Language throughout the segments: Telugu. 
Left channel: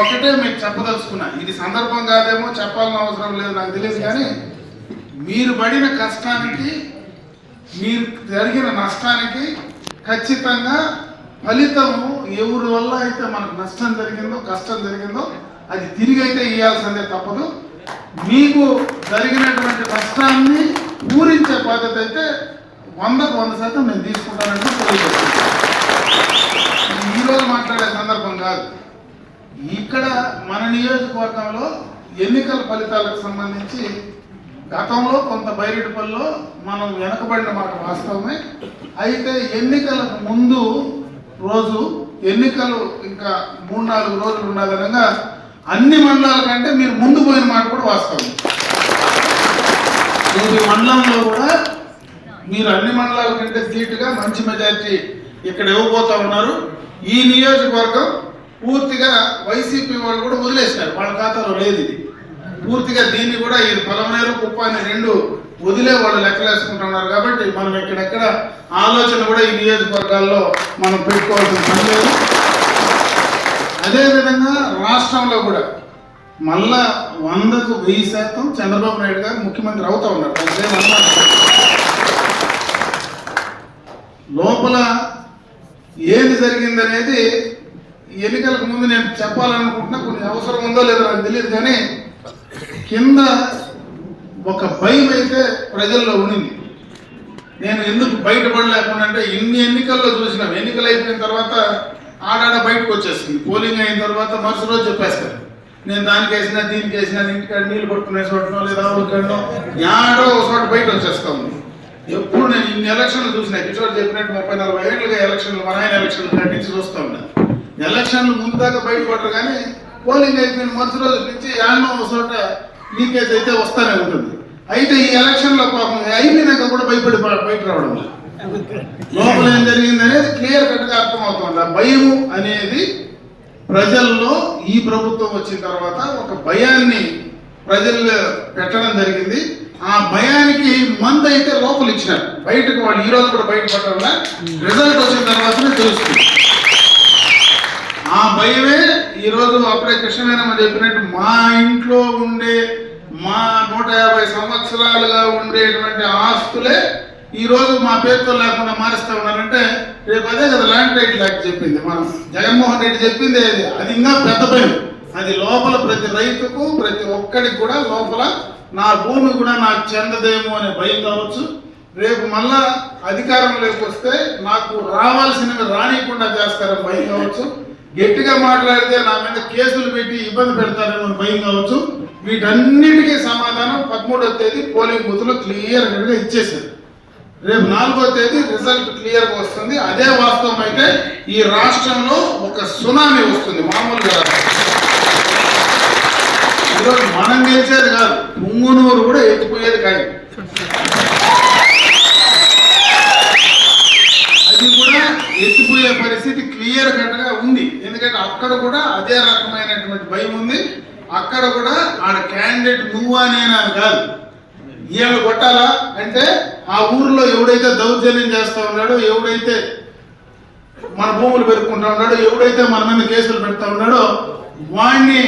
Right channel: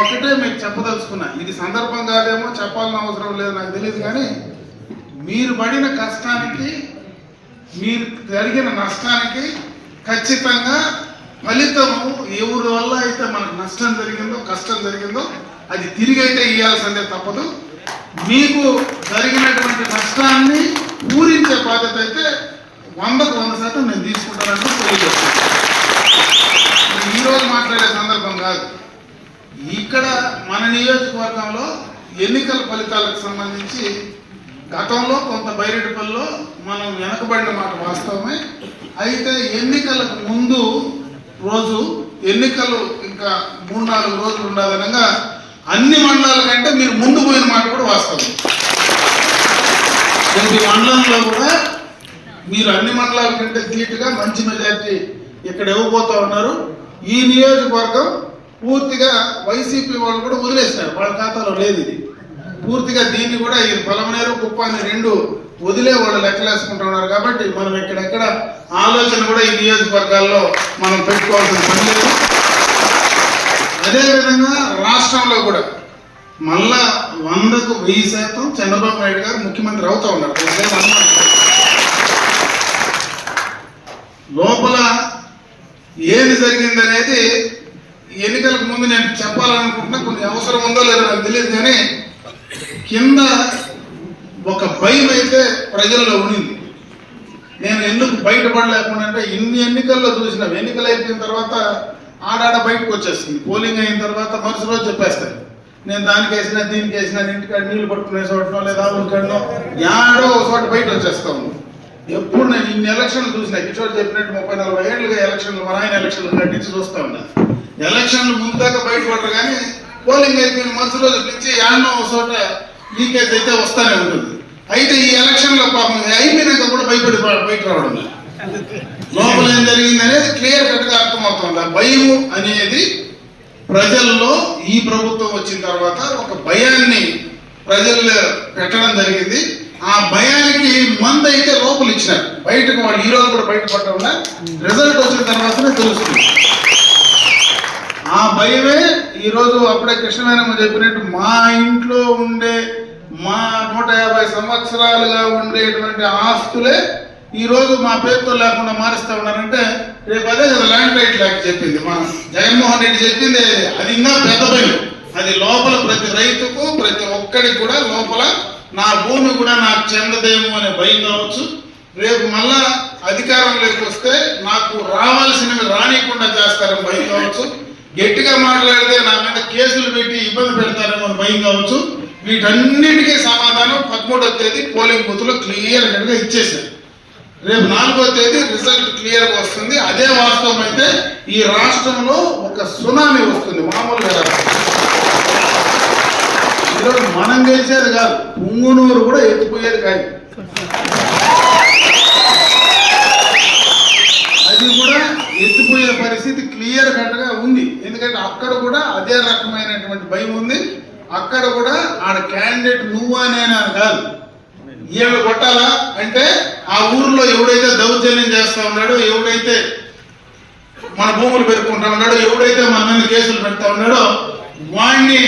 ఒకటే మీకు చెప్పదలుచుకున్నా, ఇది సందర్భం కాదేమో, చెప్పాలని అవసరం లేదు నాకు తెలియదు, కానీ మీరు పడిన కష్టానికి, మీరు జరిగిన నష్టానికి ఖచ్చితంగా ఫలితము ఎవరి వల్ల అయితే మనకు నష్టం జరిగిందో, కష్టం జరిగిందో అది తిరిగి అయితే ఇవ్వాల్సిందే తప్పదు. మీకు జరిగినటువంటి కష్టాన్ని పూరించే బాధ్యత అయితే 100% నేను తీసుకుంటానని తెలియజేస్తాను. ఈరోజు మాట్లాడే సందర్భం కాదు. ఇక్కడ మన నియోజకవర్గంలో ఎన్నికల ఫలితాలకు సంబంధించి గతంలో కొంత బైరెడ్డిపల్లిలో మనం వెనకబడిన మాట వాస్తవమే. అయితే ఎన్నికలకు ముందు రోజు, ఎన్నికలు ఇంకా 3-4 రోజులు ఉండాలనగా అన్ని మండలాల కంటే మీరు ముందు పోయిన మాట కూడా వాస్తవం. ప్రతి మండలంలో కూడా మీరు అన్ని మండలాల కంటే ధీటుగా మంచి మెజార్టీ ఇక్కడ ఇవ్వబోతా ఉన్నారు. ఈ నియోజకవర్గం పూర్తిగా వైసీపీ వాళ్ళు కూడా వదిలేశారు, వాళ్ళ ఖాతాలో లేదు ఇది. పూర్తిగా దీన్ని కూడా ఈ పొలమనేరు, కుప్పాన్ని 2 వదిలే వాళ్ళు లెక్కలేసుకుంటున్నారు. కాబట్టి మనం ఎక్కడెక్కడ ఆలోచన కూడా ఈ నియోజకవర్గాల్లో మనం పెట్టుకోవాల్సిన పని లేదు. అదేవిధంగా రాష్ట్రంలో కూడా మళ్ళా 100కు 1000% చంద్రబాబు నాయుడు గారు ముఖ్యమంత్రి అవుతా ఉన్నారు. లోపల ఏది జరిగింది అనేది ఎన్నికలకు ముందు నేను చెప్పాలనుకుంటున్నా, కొన్ని అవసరం ఉందో లేదో నాకు తెలియదు, కానీ కింద ఒక భయం అయితే ప్రజల్లో ఉండింది. నేను ఎందుకు బయటపడలేకుండా అంటే ఇన్ని ఎన్నికల్లో చూసినాం, ఎన్నికలు అయిపోయిన తర్వాత ఆడాడ బయటకు వచ్చేస్తుంది. పోలింగ్ అయిన తర్వాత మరుసటి రోజు చెప్పేస్తారు, నేను దానికి వేసినా దీనికి వేసినా, ఇంటికాడ నీళ్లు పట్టుకునే చోటనో లేదా ఒకనో యాడో ఒక చోట బయట వచ్చేస్తా ఉంది. ఎప్పుడు నేను ఇన్ని ఎలక్షన్లు చూసినా, కిషోర్ చెప్పినట్టు 30-40 ఏళ్ళుగా ఎలక్షన్లు, మన ఎలక్షన్లు నటించి చూస్తూ ఉంటాను. ఎలక్షన్లు ముందు దాకా బయటపడరు, కానీ పోలింగ్ అయిపోయిన మరుసటి రోజు నుంచి యాడో ఒక చోట లీకేజ్ అయితే వస్తూనే ఉంటుంది. అయితే ఈ ఎలక్షన్లో పాపం అయిపోయినాక కూడా భయపడి బయట రావడం లేదు. లోపల ఏం జరిగింది అనేది క్లియర్ కట్గా అర్థమవుతుంది. ఆ భయం అనేది ప్రజల్లో ఈ ప్రభుత్వం వచ్చిన తర్వాత ఒక భయాన్ని ప్రజల్లో పెట్టడం జరిగింది. ఆ భయానికి మందు అయితే లోపల ఇచ్చినారు, బయటకు వాళ్ళు ఈ రోజు కూడా బయటపడడం రిజల్ట్ వచ్చిన తర్వాతనే తెలుస్తుంది. ఆ భయమే ఈరోజు అప్పుడే కృష్ణవేణమ్మ చెప్పినట్టు మా ఇంట్లో ఉండే, మా 150 సంవత్సరాలుగా ఉండేటువంటి ఆస్తులే ఈరోజు మా పేరుతో లేకుండా మారుస్తా ఉన్నారంటే రేపు అదే కదా ల్యాండ్ రైట్ యాక్ట్ చెప్పింది, మనం జగన్మోహన్ రెడ్డి చెప్పింది అది ఇంకా పెద్ద భయం. అది లోపల ప్రతి రైతుకు, ప్రతి ఒక్కడికి కూడా లోపల నా భూమి కూడా నాకు చెందదేమో అనే భయం కావచ్చు. రేపు మళ్ళా అధికారంలోకి వస్తే నాకు రావాల్సినవి రానికుండా చేస్తారని భయం కావచ్చు. గట్టిగా మాట్లాడితే నా మీద కేసులు పెట్టి ఇబ్బంది పెడతారని భయం కావచ్చు. వీటన్నిటికీ సమాధానం 13వ తేదీ పోలింగ్ బూత్ లో క్లియర్ గా ఇచ్చేసారు. రేపు 4వ తేదీ రిజల్ట్ క్లియర్ గా వస్తుంది. అదే వాస్తవం అయితే ఈ రాష్ట్రంలో ఒక సునామీ వస్తుంది. మామూలుగా ఈరోజు మనం గెలిచేది కాదు, పుంగునూరు కూడా ఎత్తిపోయేది కాదు. అది కూడా ఎత్తిపోయే పరిస్థితి క్లియర్ కట్ గా ఉంది. ఎందుకంటే అక్కడ కూడా అదే రకమైనటువంటి భయం ఉంది. అక్కడ కూడా ఆడ క్యాండిడేట్ నువ్వా నేనా కాదు, ఏమి కొట్టాలా అంటే ఆ ఊర్లో ఎవడైతే దౌర్జన్యం చేస్తా ఉన్నాడో, ఎవడైతే మన భూములు పెరుక్కుంటా ఉన్నాడో, ఎవడైతే మన మీద కేసులు పెడతా ఉన్నాడో వాడిని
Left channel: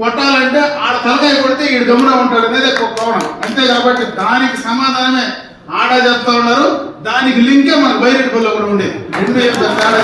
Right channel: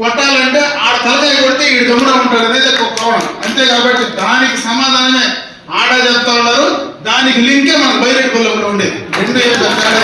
కొట్టాలంటే ఆడ తలకాయ కొడితే ఈ దమ్ముగా ఉంటాడు అనేది ఒక కోణం అంతే. కాబట్టి దానికి సమాధానమే ఆడ చెప్తా ఉన్నారు, దానికి లింకే మన బైరెడ్డిపల్లిలో కూడా ఉండేది. 2 ఏళ్ళ తేడా.